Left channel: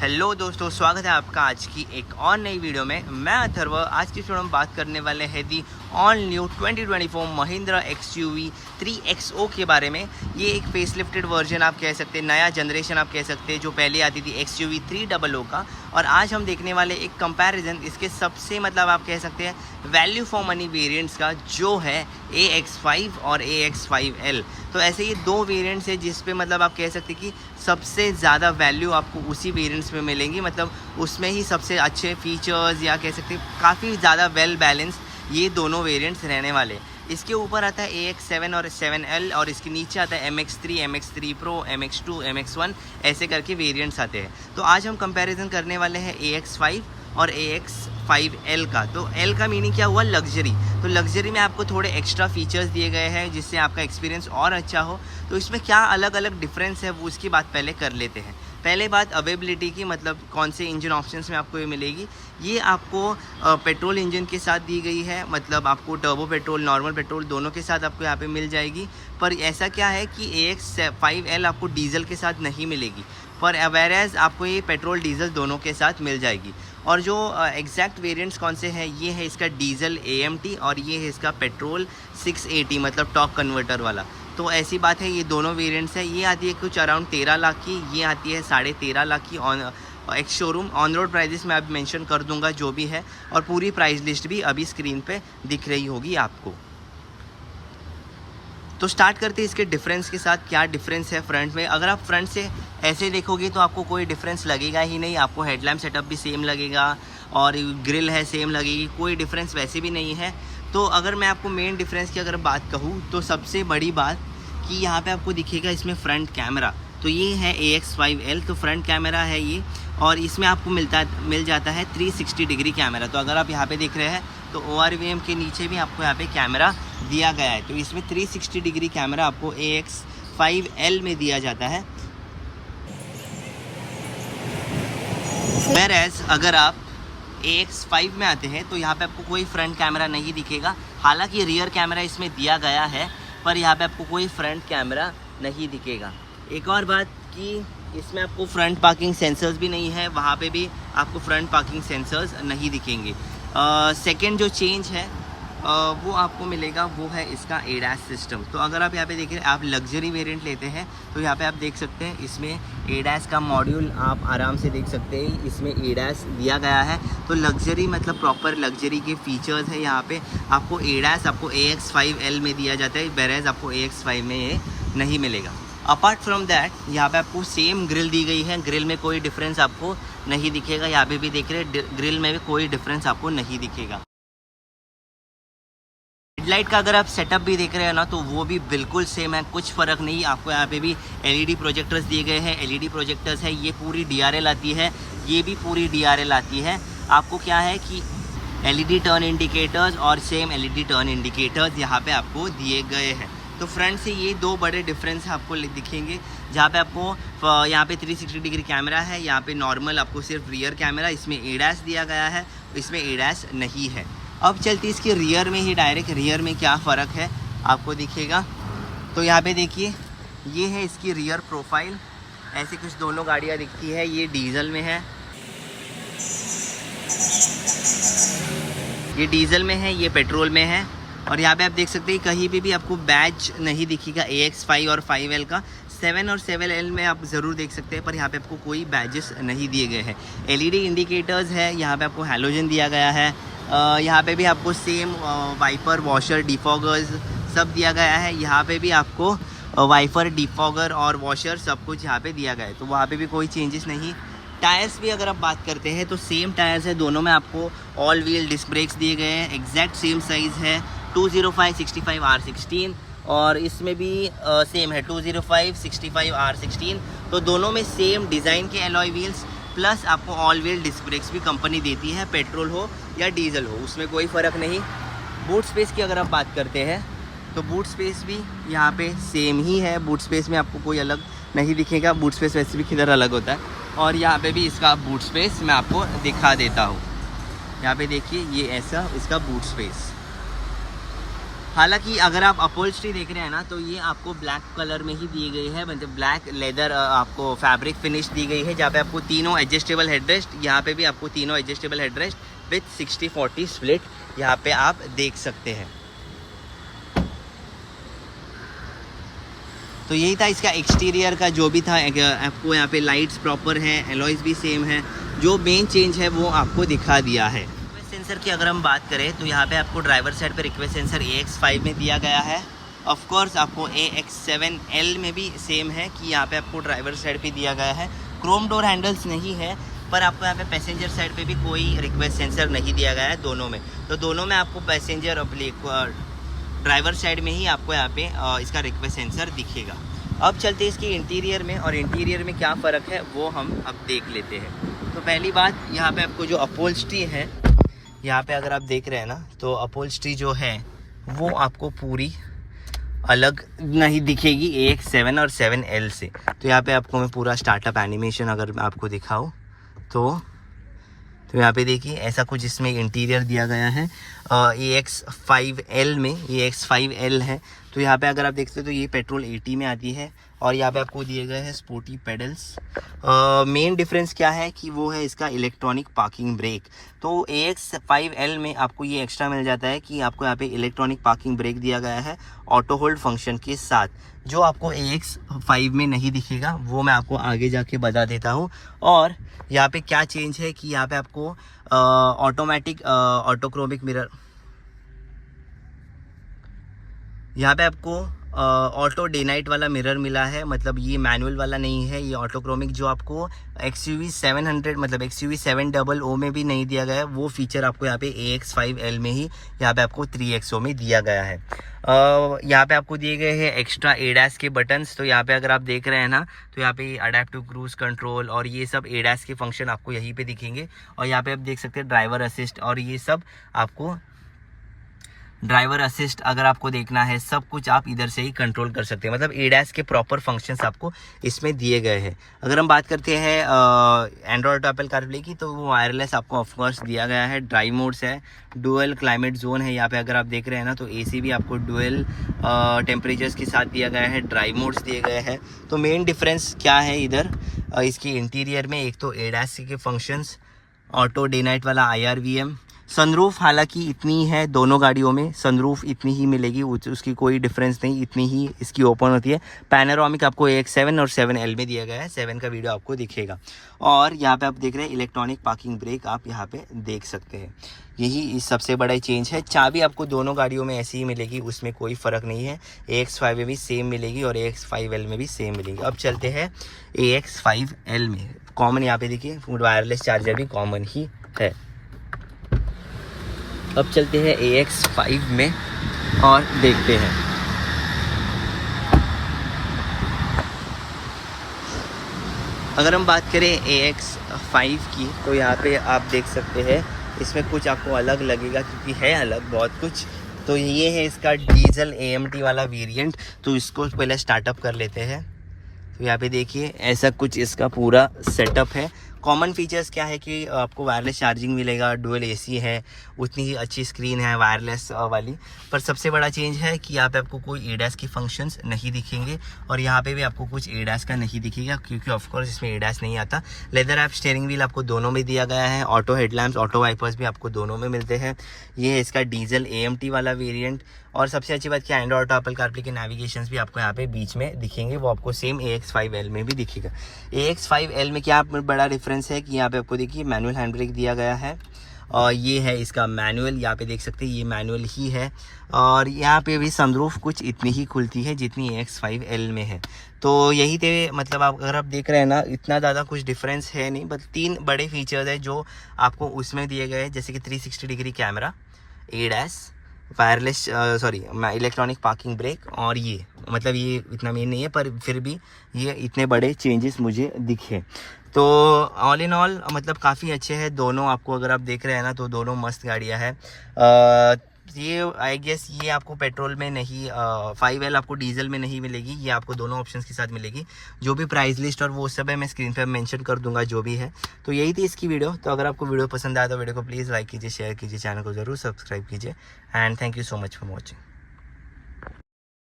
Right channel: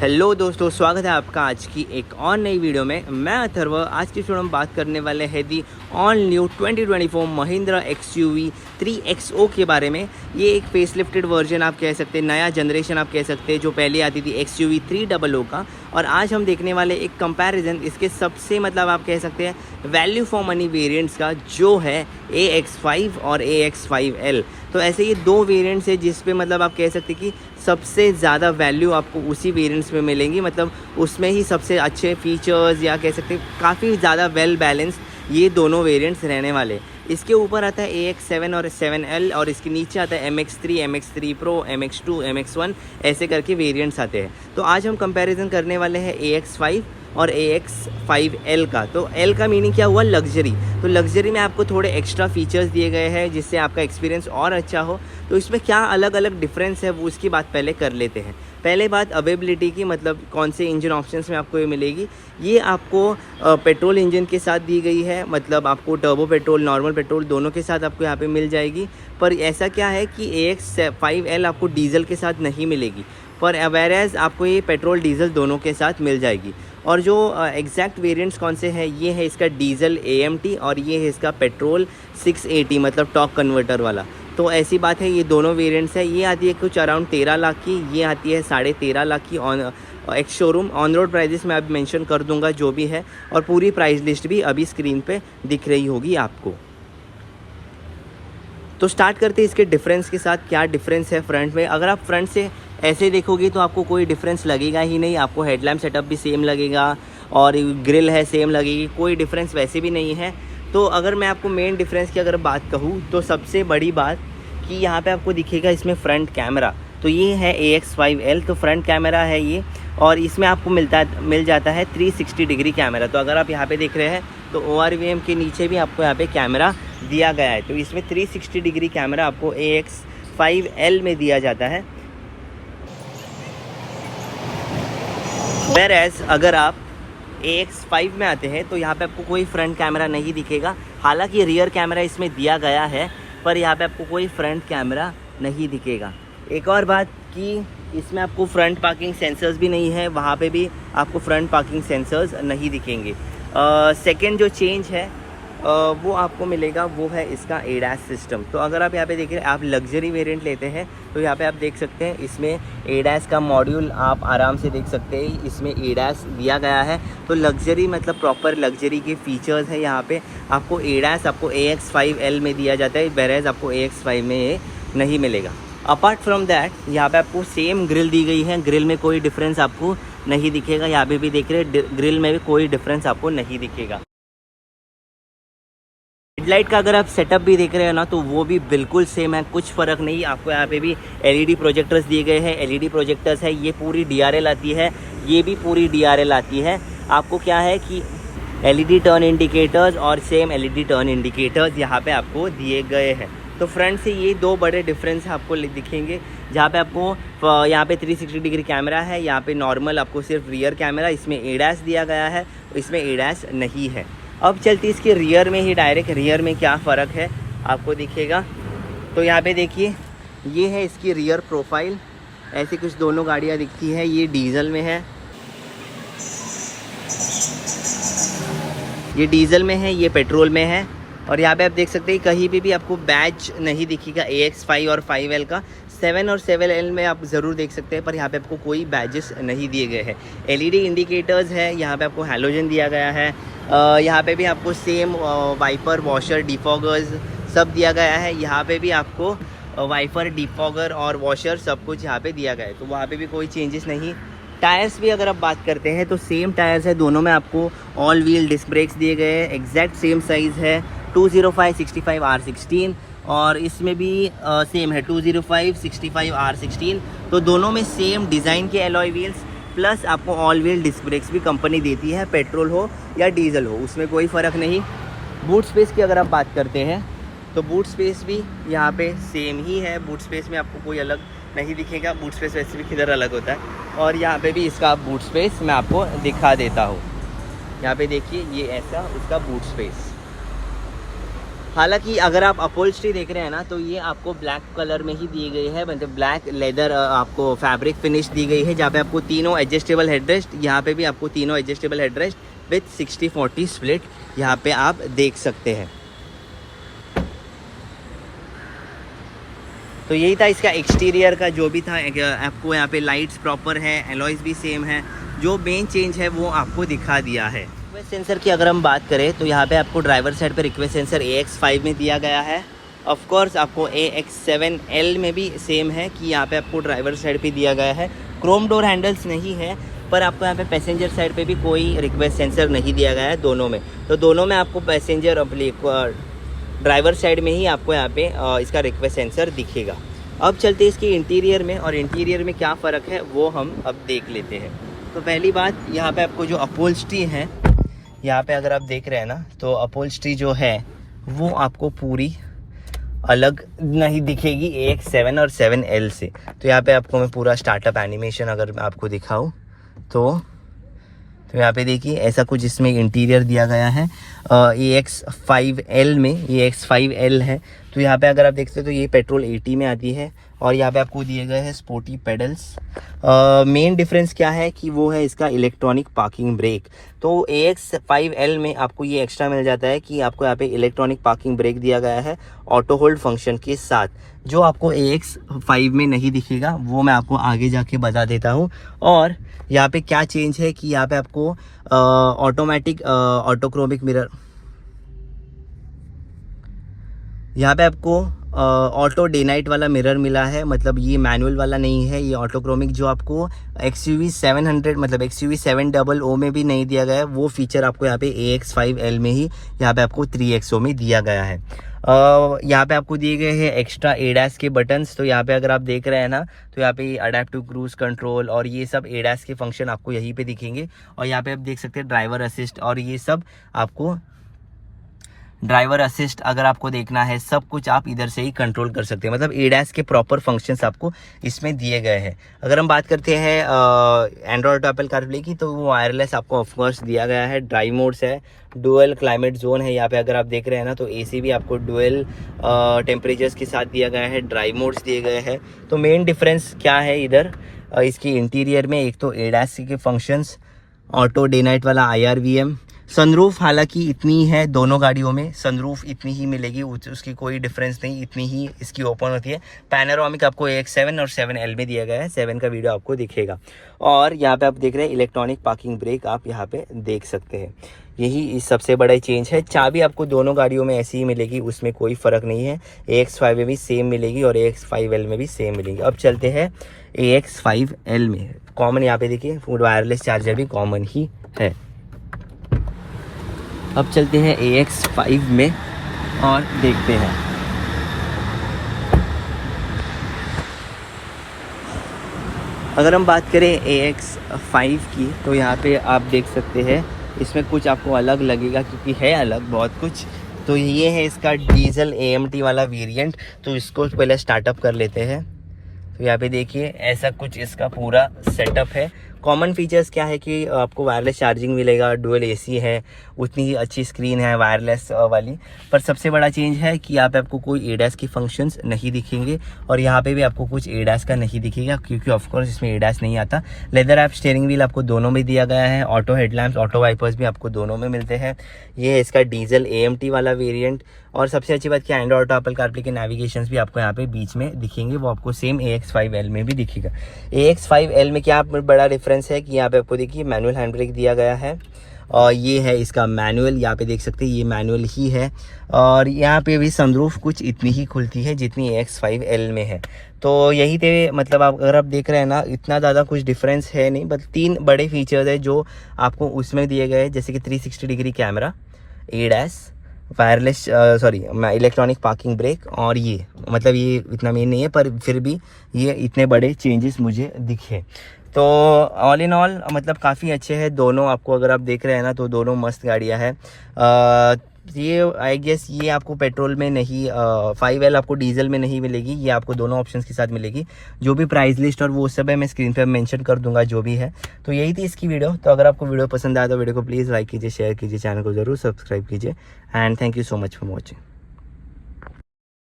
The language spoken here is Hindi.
हेलो दोस्तों, स्वागत है आपका आज की एक और नई वीडियो में। मैं अथर्व। आज की वीडियो में बात करने वाले हैं the all new 2024 Mahindra XUV 3XO के बारे में। ये एक फेसलिफ्टेड वर्जन आप कह सकते हैं, नया जनरेशन आप कह सकते हैं, जो पहले आती थी XUV 300 का। और आज हम देखने वाले एक कंपैरिजन इसके सबसे आप कह सकते हैं वैल्यू फॉर मनी वेरिएंट्स का, जो है AX5 और AX5L। तो ऐसे ये दो वेरिएंट्स है जिस पे आप कह सकते हैं कि सबसे ज़्यादा वैल्यू आपको उसी वेरिएंट्स में मिलेंगी। उसमें ही सबसे अच्छे फीचर्स या कह सकते हैं काफ़ी ज़्यादा वेल बैलेंस ये दोनों वेरिएंट्स रहने वाले। इसके ऊपर आता है AX7 और 7L, और इसके नीचे आता है MX3, MX3 Pro, MX2, MX1, ऐसे करके वेरिएंट्स आते हैं। तो आज हम कंपैरिजन करने वाले हैं AX5 और AX5L का। तो L का मीनिंग क्या हुआ? लग्जरी। तो लग्जरी में आपको थोड़े एक्स्ट्रा फीचर्स दिए गए हैं जिससे आपका एक्सपीरियंस और अच्छा हो। तो इसमें क्या अलग अलग डिफरेंस है वो उसकी बात पहले कर लेते हैं। पहले बात अवेबिलिटी की, कौन से इंजन ऑप्शंस में आपको ये मिलेगी। ये आपको पेट्रोल इंजन के साथ दी गई है, आपको टर्बो पेट्रोल, नॉर्मल पेट्रोल दोनों के साथ आपको यहाँ पे मिल जाएगी। पर ऐसा क्या है कि AX5L आपको डीजल के साथ नहीं मिलेगी, पर वेयरएज आपको ये पेट्रोल डीजल दोनों के साथ मिल जाएगी। और जो एग्जैक्ट वेरिएंट्स कौन से हैं, ये है इसका डीजल AMT और ये है इसका पेट्रोल 680, टॉर्क कन्वर्टर वाला। तो ऐसी बात है, ये दोनों वेरिएंट्स है। ये आती है कुछ अराउंड 13 लाख की, ये आती है 13.5 लाख की। On ex showroom on road prices मैं अब मेंशन कर दूंगा जो भी है, और पूरी प्राइस लिस्ट भी अभी स्क्रीन पे दिख रही होगी आपको। तो स्टार्ट करते हैं इसके डिफरेंस के साथ। क्या डिफरेंस है फ्रंट में? अगर आप फ्रंट से ऐसे देखोगे तो आपको कोई डिफरेंस लगेगा ही नहीं। आपको हेडलैम्प सेटअप भी सेम लगेगा और ग्रिल है सेम लगेगी, कोई डिफरेंस वैसे भी नहीं है। तो अगर मैं आपको मेन डिफरेंस की अगर बात कहूँ तो सबसे बड़ी बात कि यहाँ पे आपको दिखेगा इसमें फ्रंट कैमरा। तो ये है AX5L, तो फ्रंट कैमरा है ये, और इसमें आपको मिल जाता है 360 डिग्री कैमरा। तो अगर आप यहाँ पे देख रहे हैं तो ORVM के नीचे भी आपको यहाँ पे कैमरा दिया गया है। तो इसमें 360 डिग्री कैमरा आपको AX5L में दिया जाता है। वेयरएज अगर आप AX5 में आते हैं तो यहाँ पे आपको कोई फ्रंट कैमरा नहीं दिखेगा। हालांकि रियर कैमरा इसमें दिया गया है, पर यहाँ पे आपको कोई फ्रंट कैमरा नहीं दिखेगा। एक और बात कि इसमें आपको फ्रंट पार्किंग सेंसर्स भी नहीं है, वहाँ पे भी आपको फ्रंट पार्किंग सेंसर्स नहीं दिखेंगे। सेकेंड जो चेंज है वो आपको मिलेगा, वो है इसका ADAS सिस्टम। तो अगर आप यहाँ पे देखिए, आप लग्जरी वेरिएंट लेते हैं तो यहाँ पे आप देख सकते हैं इसमें ADAS का मॉड्यूल आप आराम से देख सकते हैं, इसमें ADAS दिया गया है। तो लग्जरी प्रॉपर लग्जरी के फीचर्स है यहाँ पे। आपको ADAS आपको AX5L में दिया जाता है, वेयरएज आपको AX5 में ये नहीं मिलेगा। अपार्ट फ्रॉम दैट यहाँ पे आपको सेम ग्रिल दी गई है, ग्रिल में कोई डिफरेंस आपको नहीं दिखेगा। यहाँ पे भी देख रहे हैं ग्रिल में भी कोई डिफरेंस आपको नहीं दिखेगा। हेडलाइट का अगर आप सेटअप भी देख रहे हैं ना, तो वो भी बिल्कुल सेम है, कुछ फ़र्क नहीं। आपको यहाँ पे भी LED प्रोजेक्टर्स दिए गए हैं, LED प्रोजेक्टर्स है। ये पूरी DRL आती है, ये भी पूरी DRL आती है। आपको क्या है कि LED टर्न इंडिकेटर्स और सेम LED टर्न इंडिकेटर्स यहाँ पे आपको दिए गए हैं। तो फ्रंट से ये दो बड़े डिफरेंस आपको दिखेंगे, जहाँ पे आपको यहाँ पे 360 डिग्री कैमरा है, यहाँ पे नॉर्मल आपको सिर्फ रियर कैमरा, इसमें ADAS दिया गया है, इसमें ADAS नहीं है। अब चलती इसके रियर में ही, डायरेक्ट रियर में क्या फ़र्क है आपको दिखेगा। तो यहाँ पे देखिए, ये है इसकी रियर प्रोफाइल। ऐसे कुछ दोनों गाड़ियाँ दिखती है। ये डीजल में है, ये डीजल में है, ये पेट्रोल में है। और यहाँ पे आप देख सकते हैं कहीं पे भी आपको बैज नहीं दिखेगा AX5 और 5L का। 7 और 7L में आप ज़रूर देख सकते हैं, पर यहाँ पे आपको कोई बैजेस नहीं दिए गए हैं। LED इंडिकेटर्स है, यहाँ पे आपको हैलोजन दिया गया है। यहाँ पे भी आपको सेम वाइपर, वॉशर, डिफॉगर्स सब दिया गया है। यहाँ पे भी आपको वाइपर, डिफॉगर और वॉशर सब कुछ यहाँ पे दिया गया है। तो वहाँ पे भी कोई चेंजेस नहीं। टायर्स भी अगर आप बात करते हैं तो सेम टायर्स है, दोनों में आपको ऑल व्हील डिस्क ब्रेक्स दिए गए हैं, एग्जैक्ट सेम साइज़ है, 205/65 R16, और इसमें भी सेम है 205/65 R16। तो दोनों में सेम डिज़ाइन के एलॉय व्हील्स, प्लस आपको ऑल व्हील डिस्क ब्रेक्स भी कंपनी देती है, पेट्रोल हो या डीजल हो, उसमें कोई फ़र्क नहीं। बूट स्पेस की अगर आप बात करते हैं तो बूट स्पेस भी यहाँ पे सेम ही है। बूट स्पेस में आपको कोई अलग नहीं दिखेगा, बूट स्पेस वैसे भी किधर अलग होता है। और यहाँ पे भी इसका बूट स्पेस मैं आपको दिखा देता हूँ। यहाँ पे देखिए, ये ऐसा इसका बूट स्पेस। हालांकि अगर आप अपहोल्स्ट्री देख रहे हैं ना, तो ये आपको ब्लैक कलर में ही दी गई है, मतलब ब्लैक लेदर आपको फैब्रिक फिनिश दी गई है, जहाँ पे आपको तीनों एडजस्टेबल हेडरेस्ट, यहाँ पे भी आपको तीनों एडजस्टेबल हेडरेस्ट विथ 60-40 स्प्लिट यहाँ पे आप देख सकते हैं। तो यही था इसका एक्सटीरियर का जो भी था। आपको यहाँ पे लाइट्स प्रॉपर है, एलॉयज भी सेम है, जो मेन चेंज है वो आपको दिखा दिया है। रिक्वेस्ट सेंसर की अगर हम बात करें तो यहाँ पे आपको ड्राइवर साइड पे रिक्वेस्ट सेंसर AX5 में दिया गया है। ऑफ कोर्स आपको AX7L में भी सेम है कि यहाँ पे आपको ड्राइवर साइड पे दिया गया है। क्रोम डोर हैंडल्स नहीं है, पर आपको यहाँ पे पैसेंजर साइड पे भी कोई रिक्वेस्ट सेंसर नहीं दिया गया है दोनों में। तो दोनों में आपको पैसेंजर ड्राइवर साइड में ही आपको यहाँ पे इसका रिक्वेस्ट सेंसर दिखेगा। अब चलते हैं इसके इंटीरियर में, और इंटीरियर में क्या फ़र्क है वो हम अब देख लेते हैं। तो पहली बात, यहाँ पे आपको जो अपहोल्स्ट्री है, यहाँ पे अगर आप देख रहे हैं ना, तो अपहोल्स्ट्री जो है वो आपको पूरी अलग नहीं दिखेगी AX7 और 7L से। तो यहाँ पे आपको मैं पूरा स्टार्टअप एनिमेशन अगर आपको दिखाऊँ तो यहाँ पे देखिए ऐसा कुछ इसमें इंटीरियर दिया गया है। AX5L में, ये AX5L है। तो यहाँ पे अगर आप देखते हो तो ये पेट्रोल 80 में आती है, और यहाँ पे आपको दिए गए हैं स्पोर्टी पेडल्स। मेन डिफरेंस क्या है कि वो है इसका इलेक्ट्रॉनिक पार्किंग ब्रेक। तो AX5L में आपको ये एक्स्ट्रा मिल जाता है कि आपको यहाँ पे इलेक्ट्रॉनिक पार्किंग ब्रेक दिया गया है ऑटो होल्ड फंक्शन के साथ, जो आपको AX5 में नहीं दिखेगा, वो मैं आपको आगे जाके बता देता हूँ। और यहाँ पे क्या चेंज है कि यहाँ पे आपको ऑटोमेटिक ऑटोक्रोमिक मिरर, यहाँ पे आपको ऑटो डे नाइट वाला मिरर मिला है, मतलब ये मैनुअल वाला नहीं है, ये ऑटोक्रोमिक जो आपको XUV 700 मतलब XUV 700 में भी नहीं दिया गया है, वो फीचर आपको यहाँ पे AX5L में ही यहाँ पे आपको 3XO में दिया गया है। यहाँ पे आपको दिए गए हैं एक्स्ट्रा ADAS के बटन्स। तो यहाँ पे अगर आप देख रहे हैं ना, तो यहाँ पे अडेप्टिव क्रूज कंट्रोल और ये सब ADAS के फंक्शन आपको यहीं पे दिखेंगे। और यहाँ पे आप देख सकते हैं ड्राइवर असिस्ट, और ये सब आपको ड्राइवर असिस्ट अगर आपको देखना है, सब कुछ आप इधर से ही कंट्रोल कर सकते हैं, मतलब ADAS के प्रॉपर फंक्शंस आपको इसमें दिए गए हैं। अगर हम बात करते हैं एंड्रॉयड एप्पल कारप्ले की, तो वो वायरलेस आपको ऑफकोर्स दिया गया है। ड्राइव मोड्स है, डुअल क्लाइमेट जोन है, यहाँ पे अगर आप देख रहे हैं ना, तो AC भी आपको डुअल टेम्परेचर्स के साथ दिया गया है, ड्राइव मोड्स दिए गए हैं। तो मेन डिफरेंस क्या है इधर इसकी इंटीरियर में, एक तो ADAS के फंक्शंस, ऑटो डे नाइट वाला IRVM, सनरूफ हालांकि इतनी है दोनों गाड़ियों में, सनरूफ इतनी ही मिलेगी, उसकी कोई डिफरेंस नहीं, इतनी ही इसकी ओपन होती है। पैनोरामिक आपको AX7 और 7L में दिया गया है, 7 का वीडियो आपको दिखेगा। और यहाँ पे आप देख रहे हैं इलेक्ट्रॉनिक पार्किंग ब्रेक, आप यहाँ पे देख सकते हैं, यही इस सबसे बड़ा चेंज है। चाबी आपको दोनों गाड़ियों में ऐसी ही मिलेगी, उसमें कोई फ़र्क नहीं है। AX5 में भी सेम मिलेगी और AX5L में भी सेम मिलेगी। अब चलते हैं AX5L में। कॉमन यहाँ पे देखिए फुल वायरलेस चार्जर भी कॉमन ही है। अब चलते हैं AX5 में और देखते हैं। अगर हम बात करें AX5 की, तो यहाँ पे आप देख सकते हैं इसमें कुछ आपको अलग लगेगा, क्योंकि है अलग बहुत कुछ। तो ये है इसका डीजल AMT वाला वेरिएंट। तो इसको पहले स्टार्टअप कर लेते हैं। तो यहाँ पे देखिए ऐसा कुछ इसका पूरा सेटअप है। कॉमन फीचर्स क्या है कि आपको वायरलेस चार्जिंग मिलेगा, डुअल AC है, उतनी ही अच्छी स्क्रीन है वायरलेस वाली। पर सबसे बड़ा चेंज है कि यहाँ पे आपको कोई ADAS की फंक्शंस नहीं दिखेंगे, और यहाँ पे भी आपको कुछ ADAS का नहीं दिखेगा, क्योंकि ऑफकोर्स इसमें ADAS नहीं आता। लेदर ऐप स्टीयरिंग व्हील आपको दोनों में दिया गया है, ऑटो हेडलैम्प्स, ऑटो वाइपर्स भी आपको दोनों में मिलते हैं। ये है इसका डीजल AMT वाला वेरिएंट। और सबसे अच्छी बात क्या, एंड्रॉयड ऑटो एप्पल कारप्ले के नेविगेशंस भी आपको यहाँ पे बीच में दिखेंगे, वो आपको सेम AX5L में भी दिखेगा। AX5L में क्या बड़ा डिफरेंस है कि यहाँ पे आपको देखिए मैनुअल हैंड ब्रेक दिया गया है, और ये है इसका मैनुअल, यहाँ पे देख सकते हैं ये मैनुअल ही है। और यहाँ पे भी सनरूफ कुछ इतनी ही खुलती है जितनी AX5L में है। तो यही थे, मतलब आप अगर आप देख रहे हैं ना, इतना ज़्यादा कुछ डिफरेंस है नहीं, बस 3 बड़े फीचर्स है जो आपको उसमें दिए गए हैं, जैसे कि 360 degree camera, ADAS, wireless electronic parking brake, और ये मतलब ये इतना मेन नहीं है, पर फिर भी ये इतने बड़े चेंजेस मुझे दिखे। तो ऑल इन ऑल मतलब काफ़ी अच्छे हैं दोनों। आपको अगर आप देख रहे हैं ना, तो दोनों मस्त गाड़ियाँ हैं। ये आई गेस ये आपको पेट्रोल में नहीं, 5L आपको डीजल में नहीं मिलेगी, ये आपको दोनों ऑप्शंस के साथ मिलेगी। जो भी प्राइस लिस्ट और वो सब है मैं स्क्रीन पर मेंशन कर दूंगा जो भी है। तो यही थी इसकी वीडियो। तो अगर आपको वीडियो पसंद आया तो वीडियो को प्लीज़ लाइक कीजिए, शेयर कीजिए, चैनल को ज़रूर सब्सक्राइब कीजिए, and thank you so much for watching.